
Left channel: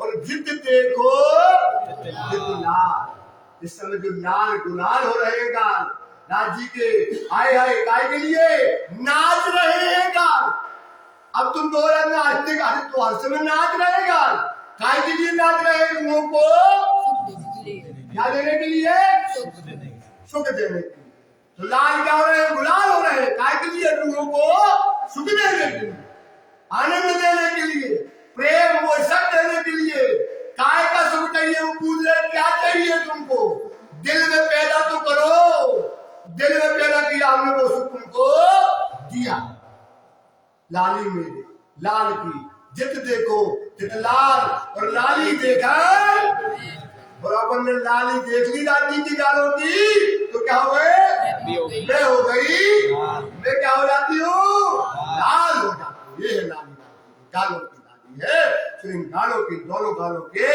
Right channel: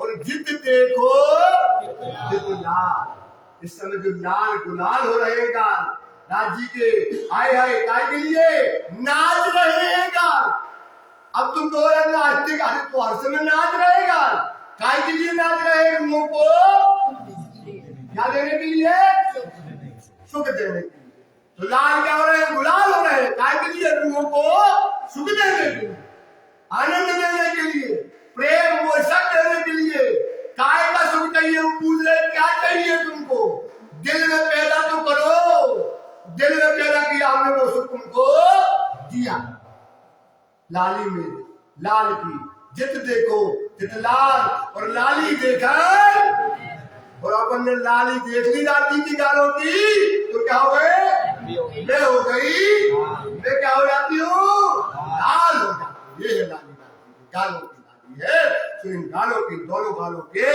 और जिद देखो जिद लाल। इस समय जो लाल गुलाल हो रहे हैं गाल राज्य के, आए हाय काय के लिए नाच रहे हैं गाल। अब तुम कहो यार नाचते गाने तो हर समय नाच रहे गाल, काय के लिए नाच रहे हैं? रूहों को क्या देने के लिए? सुख देने के लिए। तो लाल क्या हो रहे हैं? गुलाल हो रहे हैं। काय के लिए? रूहों को सुख देने के लिए, आनंद देने के लिए, प्रेम वो सब देने के लिए। काय का सुख चाहिए? वो पूछ रहे क्या चाहिए तुमको? दिल में पैदा तो करो, दिल में पैदा किया हमने, वो सुख तुमको दिया। लाली मेरे लाल की, जित देखो जित लाल, और लाली देखा और अपन ने लाली देख ली राज्य की गालों की, तो क्या हो गए? मैं हो गई, मैं क्या हो जाती हूँ? लाल हो जाती। ये है लाली, गालों की लाली है। तो इन गालों की, दोनों गालों के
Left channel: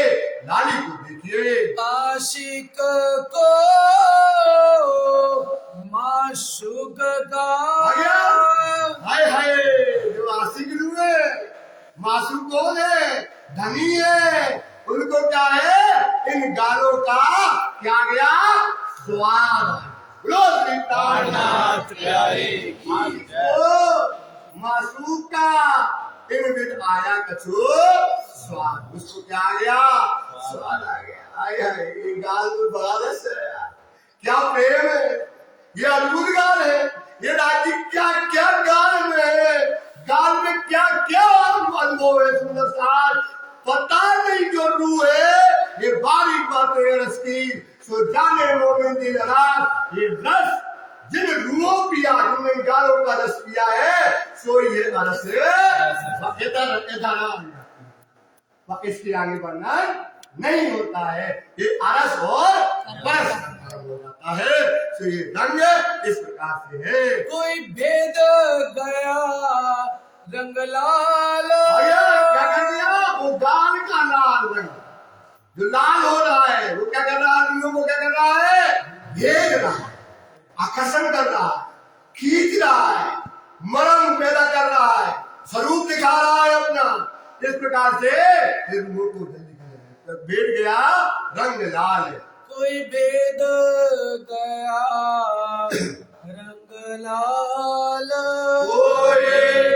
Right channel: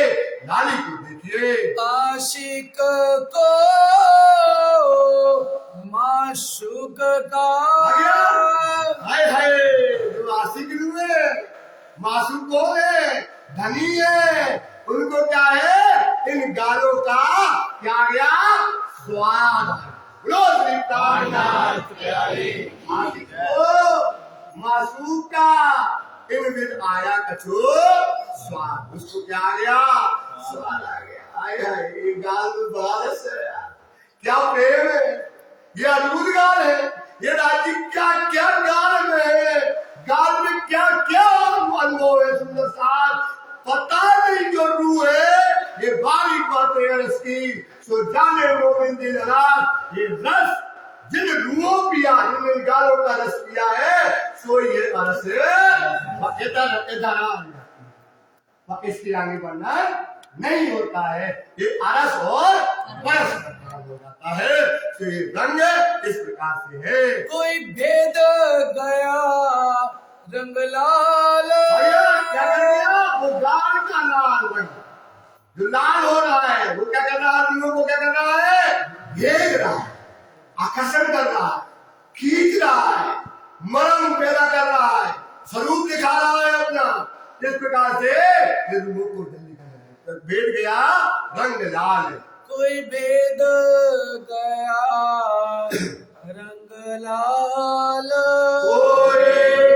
लाली को देखिए। आशिक को माशूक का, हाय हाय, जो आशिक हुए मासूम कौन है? धनी है। उनको क्या है? इन गालों का क्या गया? स्वाद। बोलो श्री प्राणनाथ प्यारे। आशिक को मासूम का इन विद आया कछु स्वाद। उसको क्या आ गया? स्वाद आ गया। हाय हाय, ये गाल में बारिश है, क्या प्रेम है। ये अद्भुत गाल है। ये राज्य क्या क्या गाल में है, गाल में क्या क्या अनुभव है। सुंदर साथ पता नहीं जो रूह है, ये बारीक बातें है रस की, सो जाने मोमिन दिल रात। ये रस जिन रूहों पिया, जिनने गालों का रस पिया है, सो ये रस इधर इधर इसके आगे बढ़ना नहीं होता है। ये अरस और बरस हो जाता है। तो ये रंग इस प्रकार से है। कोई भेद गया रंग लाल, क्या कर दिया? वो गाल का लाल रंग जो लाल हो रहा है, वो क्या कर रहा है? आदमियों को क्या कर रहा है? भेद रहा है, आकर्षण कर रहा है, खींच रहा है, मरम पैदा कर रहा है, स्वरूप दिखा रहा है अपना। इस प्रकार से फिर मुंह को जल्दी कर भेद गया रंग लाल है। कोई भेद गया रंग लाल, कोई